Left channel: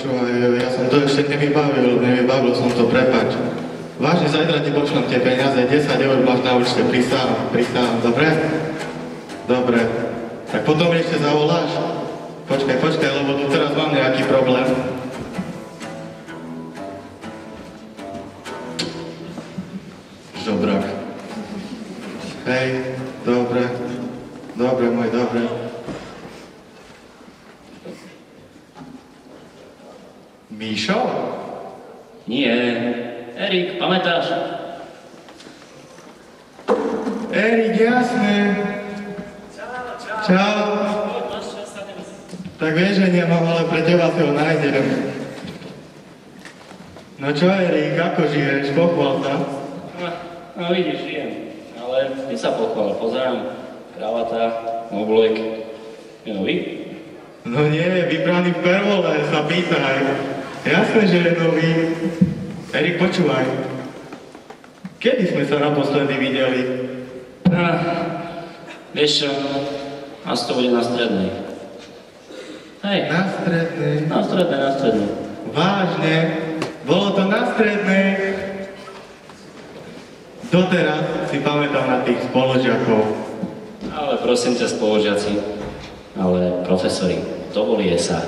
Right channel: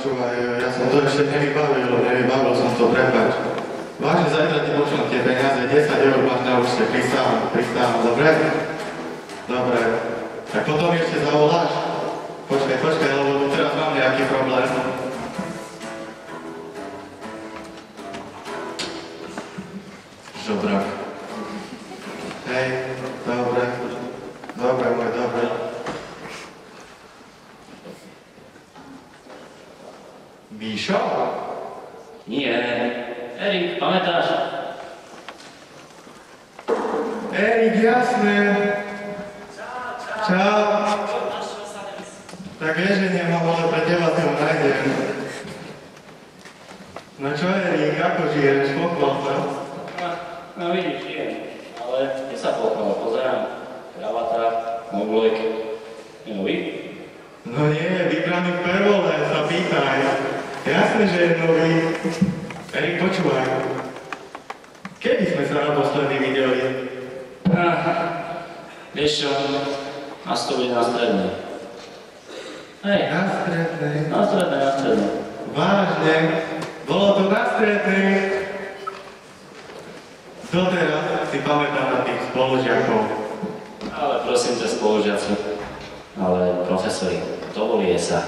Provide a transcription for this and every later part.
Počúvaj, ja som to ešte nevybavil som to, prepáč. Vážne, zajtra ti pošlem tie peniaze, 10 € máš na účte, pristávam, dobre? Dobre. Tak potom ešte zavoláš? Počkaj, lebo tu teraz mám nejaký problém. Žobrak. Hej, dobre, môj, dobre. Míšo? Nie. Erik, pamätáš? Erik, jasné. Čau. Tak vieš, že nemám, ale pre teba si ho nájdem. No čo, Erik, ako žiješ? Pochvál sa. No vidíš, žijem. Ale ty sa pochvál, pozerám. Kravata, oblek. Je nový? No nie, vybraný v Pervole, sa pýtaj. Jasné, že je nový. Erik, počúvaj. Kedy sme sa naposledy videli? Vieš čo, nás to bude na strednej. Hej. Na strednej? Na strednej. Vážne? Bolo to na strednej? Doteraz si pamätám na tých spolužiakov. Ale prosím ťa, spolužiaci. Ale profesori, dovolie sa.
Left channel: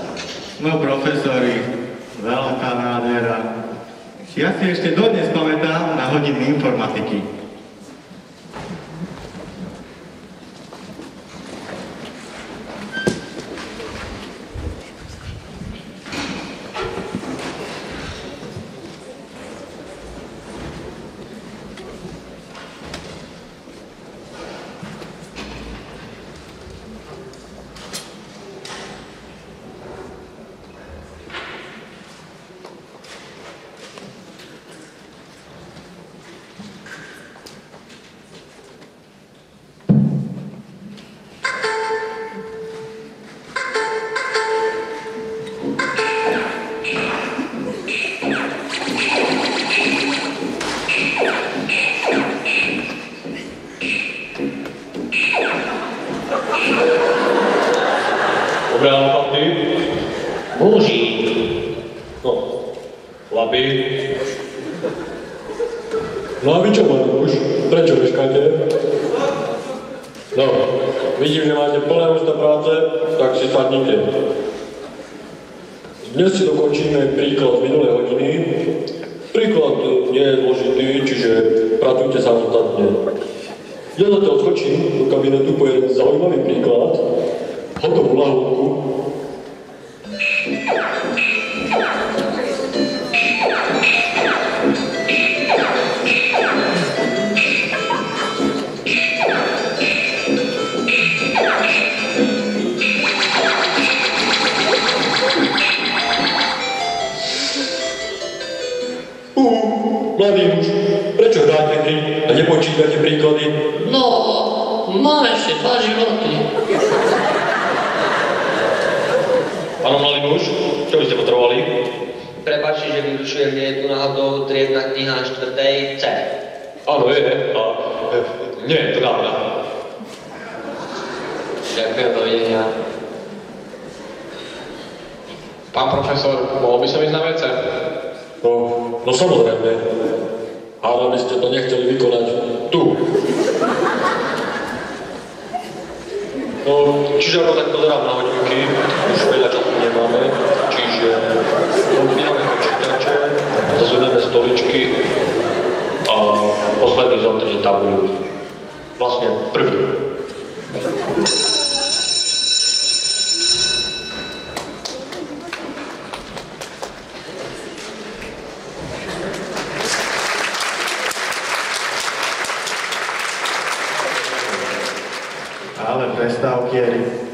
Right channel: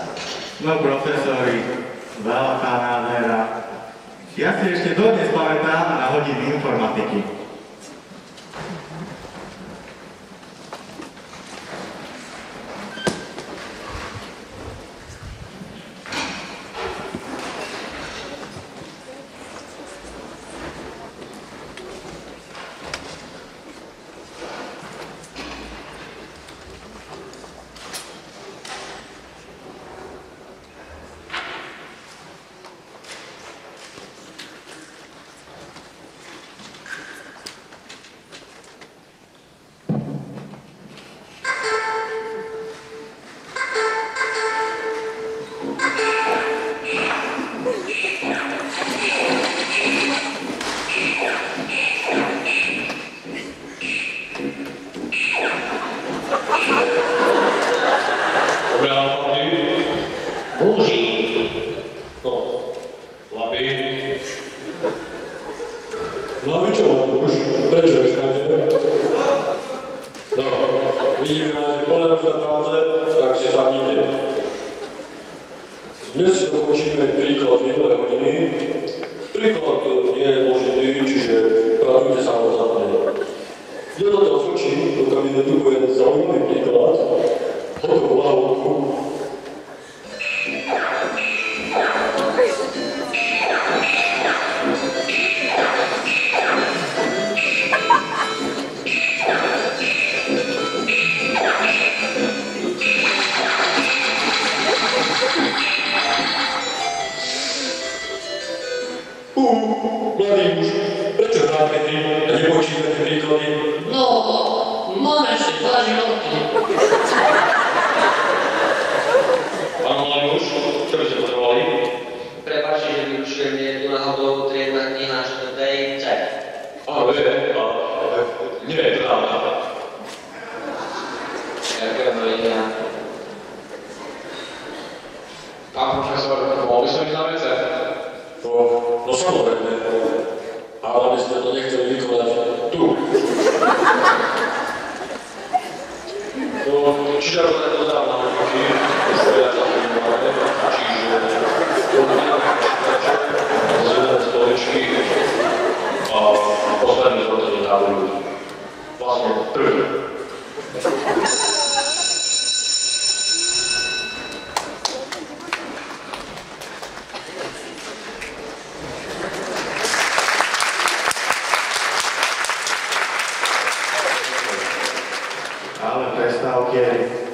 No profesori, veľká nádhera. Ja si ešte dodnes pamätám na hodiny informatiky. No a vy čo máte už? Prečo meškáte? No, vidím, že máte plné ústa práce, tak si sadnite. Dnes si dokončíme príklad minulé hodiny. Príklad nie je zložitý, čiže pracujte samostatne. Ja zatiaľ skočím do kabinetu po jeden zaujímavý príklad. Hotovú lahôdku. Mladý muž, prečo hráte hry a nepočítate príklady? No, mám ešte 2 životy. Áno, mladý muž, čo by ste potrebovali? Prepáčte, že vyrušujem, je tu náhodou triedna kniha na 4. C. Áno, je. A nie, je to dávna. Ďakujem, dovidenia. Pán profesor, mohol by som ísť na WC? No samozrejme. Ale by ste to nechceli vykonať tu. No, čiže ako tak pozerám na hodinky, už veľa času nemáme, čiže odbíjame počítače, zazvíneme stoličky a posledný zotrží tabuľu. Vlastne prvý. Ale prestávky,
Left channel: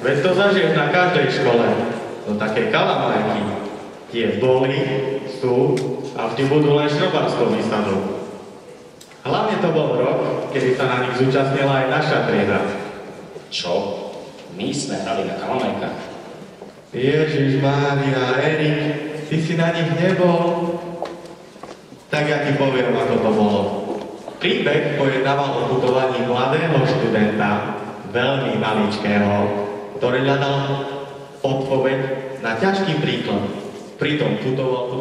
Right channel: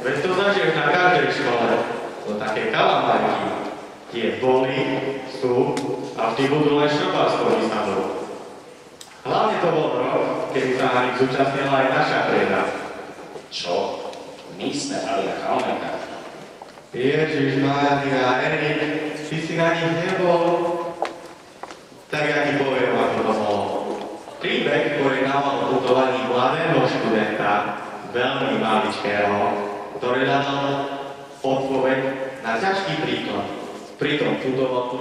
veď to zažiješ na každej škole. To také kalamajky. Tie boli, sú a vždy budú len šrobárskou výsadou. Hlavne to bol rok, kedy sa na nich zúčastnila aj naša trieda. Čo? My sme hrali na kalamajkách. Ježiš, Mária, Erik, ty si na nich nebol? Tak ja ti poviem, ako to bolo. Príbeh pojednával o putovaní mladého študenta, veľmi maličkého, ktorý hľadal odpoveď na ťažký príklad. Pritom putoval.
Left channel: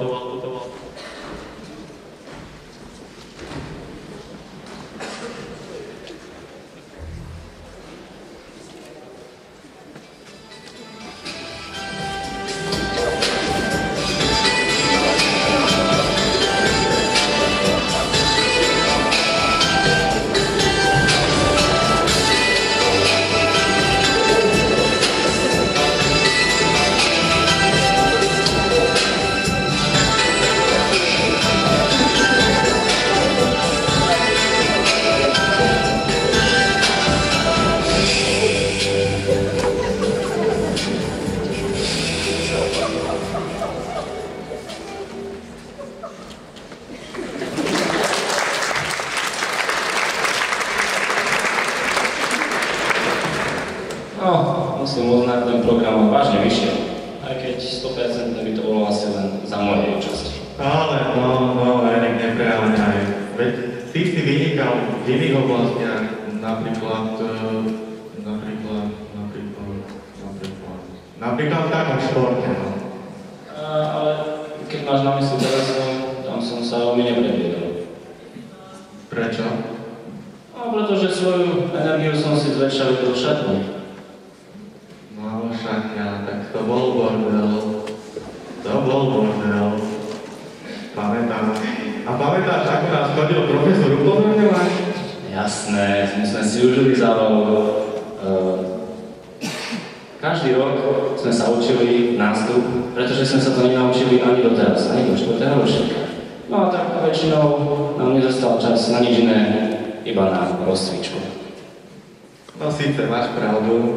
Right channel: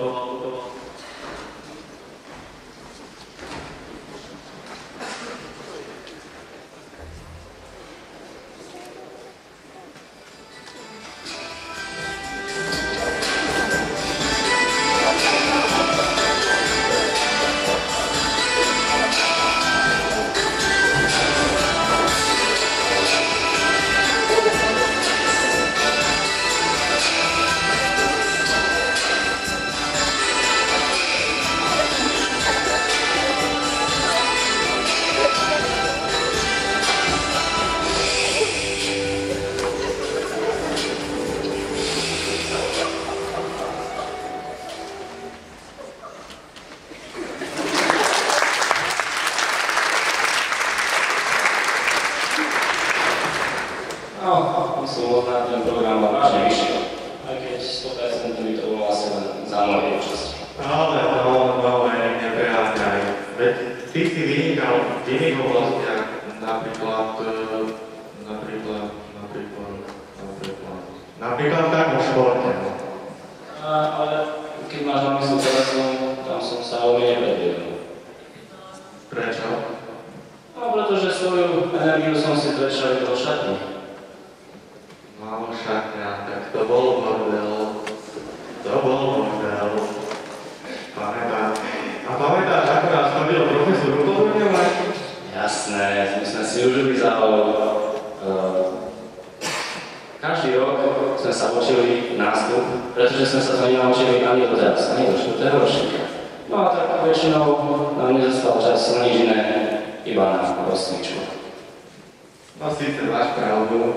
No, musím uznať, ten program mal vážne vyšiel. Aj keď 100% by to bolo asi len za mojej účasti. Ale no, Erik, nepreháňaj. Veď ty si vynikal v iných oblastiach, napríklad v takom športe. No. Ale keď máš na mysli teleso, tam som sa veľmi nepredviedol. Prečo? No, pretože svoju energiu som si zväčšal do šatní. No, šatňa, tak to bol bordel. Pamätáš? A pamätáš, ako nás chodil profesor upozorňovať? Jasné, my sme si užili zábavu. Každý rok sme sa učili nástup, pretože sme sa to nenaučili ani doteraz, ani do 4. ročníka. No a tak väčšinou nám nezostal čas na nič iné, iba na rozcvičku. No síce máš pravdu,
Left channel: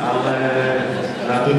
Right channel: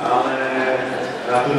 ale na tú